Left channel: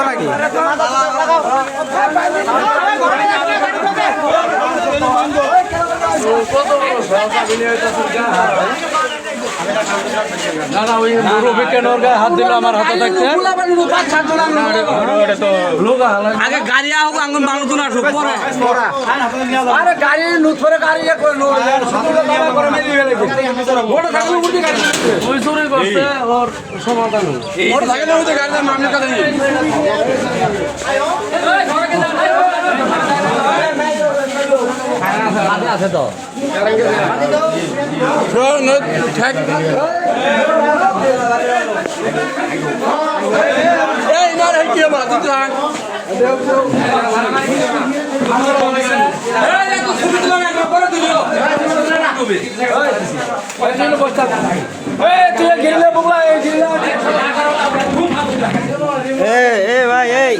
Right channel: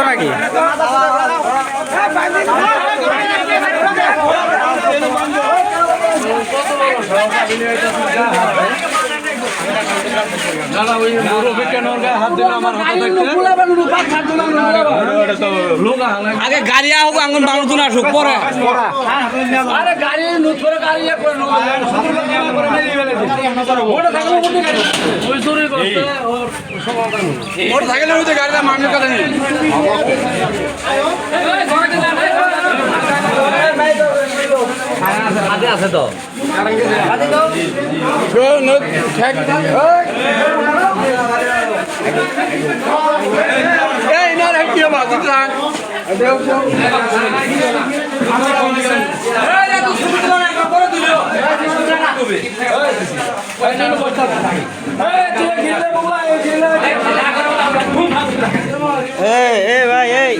বুঝছো নাকি? আগে গাড়ি হোক আঙ্গুন বালুন আসুক পরে গাড়ি নুথরে গাড়ি আছে তো এই না কি বাদ ভাই এই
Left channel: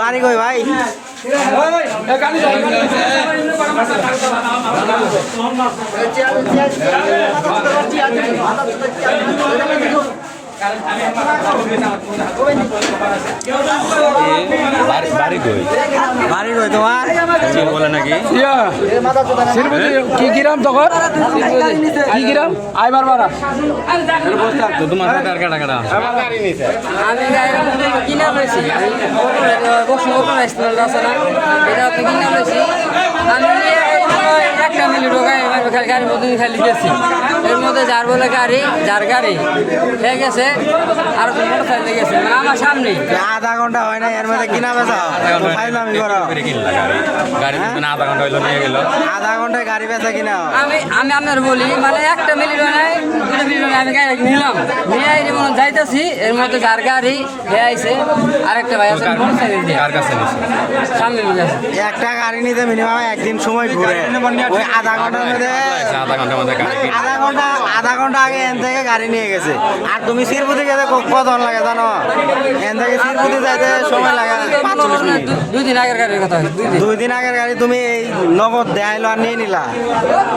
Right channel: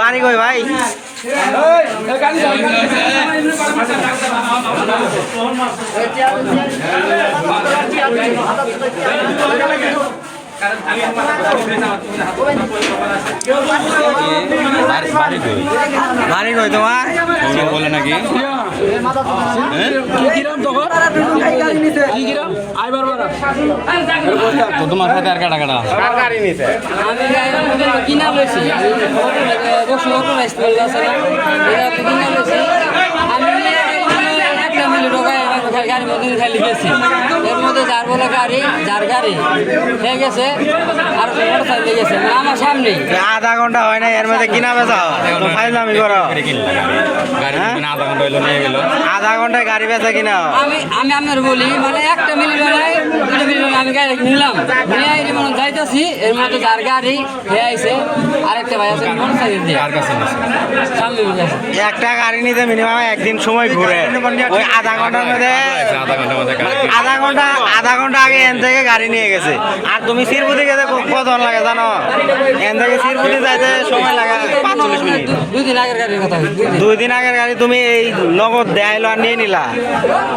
বাড়ি কই ভাই? বাড়ি কই তোমার? বলে নাকি কি গ্রাম তখন কি গ্রাম আইবার বাড়া তো তোমার সাথে আর কাটা কাটা আমি কিনা পেয়েছি একটা মিলি গাড়ির মধ্যে খালি গেছি এর মধ্যে যার বলে গাড়ি যার গাড়ি হয়ে গেছে আর মোটর সাইকেল গেছে মানে আমার সামনেই আধা ঘন্টা হয় না এর মধ্যে কিনা বেচা তো ফাইজলামি করো। আধা ঘন্টা হইলো নিয়ে গেল আধা ঘন্টায় গাড়ি বেচা কিনা আমি আপনার বলি মানে একটা মিলি নাই দুটো মিলি আমি গাড়ি নিলাম নিয়ে যাইতেছি এর মধ্যে যার গাড়ি হয়ে আইছে আরেকটা ভাই আছে মোটর সাইকেল দিয়ে কার কাছে নিছে সামনে মিলে আছে একটা গাড়ি নিতে মিনিমাম একদিন সময় ঘুরে ওই আধা ঘন্টার মধ্যে আধা ঘন্টার মধ্যে আধা ঘন্টা আগে এন থেকে গাড়ি নিয়ে গেছে। আর তুমি শিরপুতি গেছে কতক্ষণ লাগে জানো? এন থেকে শিরপুতি যাইতে সময় লাগে 45 মিনিট। 2 দিন আগের গাড়ির কথা 2 দিন আগের গাড়ি তুমি এই নগদ দেখাইলো আর নিয়ে নিলা।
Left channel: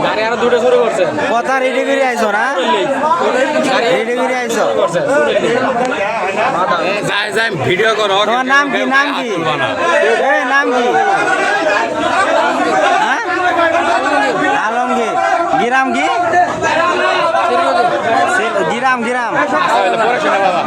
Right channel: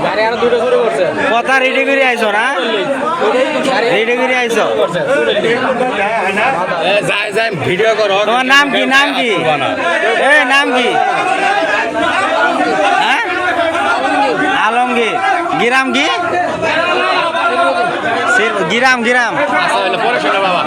গাড়ি আরো দুটো শুরু করছে কথা রেডি করে আইছো না? রেডি করে আইছো? যাই যাই ভিডিও করো তোমার নাম কি? নাম কি? এই নাম কি? হ্যাঁ আলমগীর। গিরাম কি? গিরাম আচ্ছা পরে শোনো বাবা